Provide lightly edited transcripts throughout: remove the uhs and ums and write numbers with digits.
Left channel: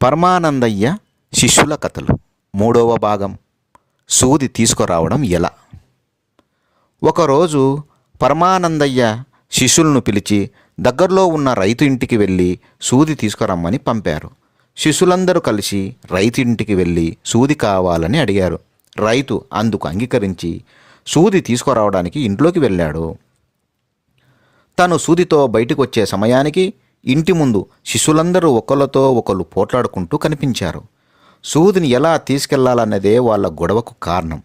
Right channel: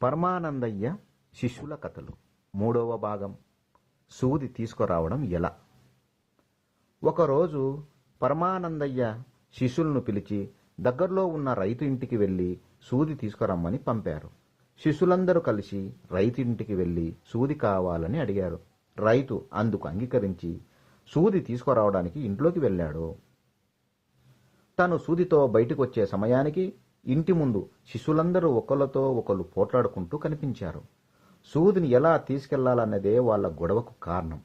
పరమానందయ్య శిష్యుల కథలు 3వ భాగం. సూది తీసుకురావడం ఎలా. ఒకరోజు పరమానందయ్య శిష్యులను పిలిచి దగ్గరలో ఉన్న రైతు ఇంటికి వెళ్ళి సూది తీసుకురమ్మని పంపారు. శిష్యులందరూ కలిసి రైతు ఇంటికి వెళ్ళి సూది కావాలని అడిగారు. రైతు అందుకు అంగీకరించి సూది తీసుకురావడానికి ఇంట్లోకి వెళ్ళాడు. తను సూదితో బయటకు వచ్చే సమయానికి ఇంటి ముందు శిష్యులందరూ ఒకళ్ళతో ఒకళ్ళు పోట్లాడుకుంటూ కనిపించారు. సూదిని ఎలా తీసుకెళ్లాలన్నదే వాళ్ళ గొడవకు కారణం.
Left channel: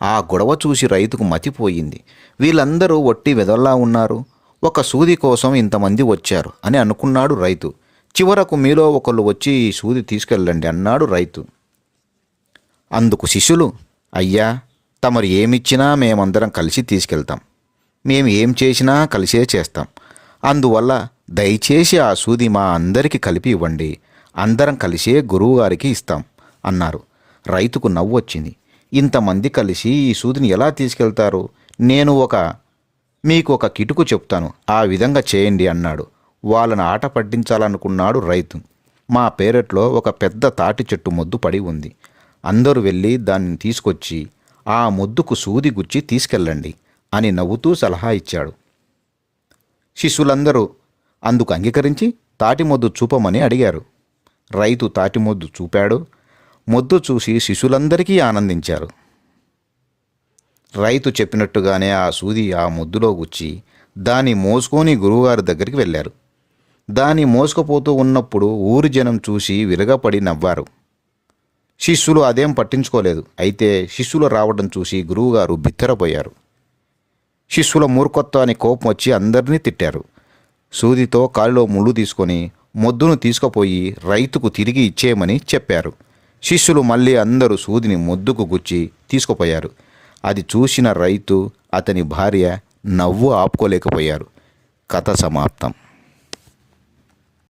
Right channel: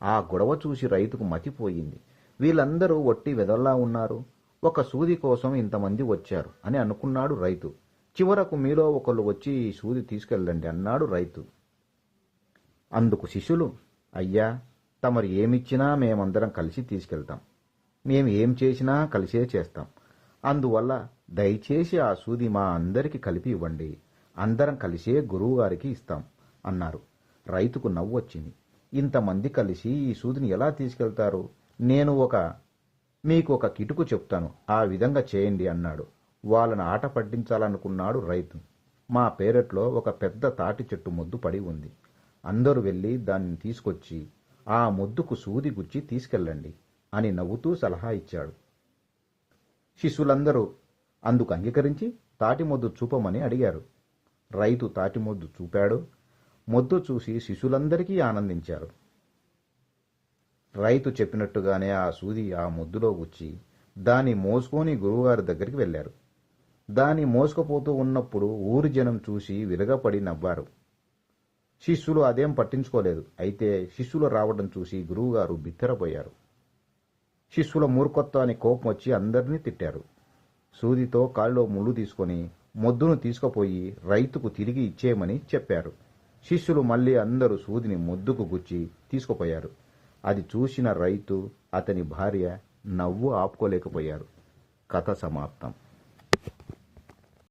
ఆ గొడవ చూసి రైతుకు మతిపోయింది. వీళ్ళందరూ ఒట్టి వెదల్లా ఉన్నారు, ఒక సూది కోసం ఇంతమంది వచ్చారు అని అనుకున్నాడు రైతు. చివరకు మీలో ఒకళ్ళు వచ్చి ఈ సూది తీసుకెళ్ళండి అన్నాడు రైతు. అందుకు శిష్యులు, అయ్యా, తమరు ఏమిచ్చినా మేమందరం కలిసి తీసుకెళ్తాం, మేము ఏం చేసినా కలిసే చేస్తాం, అందువల్ల దయచేసి ఆ సూది మా అందరికీ కలిపి ఇవ్వండి, అందరం కలిసే గురువుగారికి ఇస్తాం అన్నారు. రైతుకు నవ్వు వచ్చింది. ఇంతమంది కలిసి ఈ సూదిని ఎలా తీసుకెళ్తారు? నేను మీకు ఒక కిటుకు చెప్తాను, ఆ విధంగా చేయండి అన్నాడు. వాళ్ళని ఆట పట్టించాలనుకున్నాడు రైతు. మా పేరట్లో ఒక పెద్ద తాటి చెట్టు మొద్దు పడి ఉంది, అందరూ వెళ్ళి దాన్ని తీసుకొచ్చి ఆ మొద్దుకు సూది గుచ్చి తీసుకెళ్ళండి అని నవ్వుతూ సలహా ఇచ్చాడు. శిష్యులందరూ అందుకు అంగీకరించి తాటి మొద్దు చూపమని అడిగారు. రైతు తాటి మొద్దు చూపాడు. మొద్దు చూసి శిష్యులందరికీ ఆనందించారు. రైతు చెప్పినట్టుగానే ఆ సూది ఆ మొద్దులో గుచ్చి దాన్ని మోసుకొని గురువుగారి దగ్గరికి వెళ్ళారు. దాన్ని మోసుకుపోతూ ఉన్నప్పుడు ఊరి జనం చూసి విరగపడి నవ్వారు. శిష్యులు అదేం పట్టించుకోలేదు. అయితే శిష్యులు రావడం చూసి గురువుగారు బిత్తరపోయారు. శిష్యుల మూర్ఖత్వాన్ని కోపం వచ్చి అందరినీ తిట్టారు. సూదితో కాలిలో ముళ్ళు తీసుకొని మొద్దును తీసుకుపోయి రైతుకు తిరిగి ఇచ్చేయమని చెప్పారు. శిష్యులు మళ్ళీ అందరూ సూదిని మొద్దుకు గుచ్చి తీసుకుపోయారు. అది చూసిన రైతు, అతని భార్య నవ్వు ఆపుకోలేకపోయారు. కథ సమాప్తం.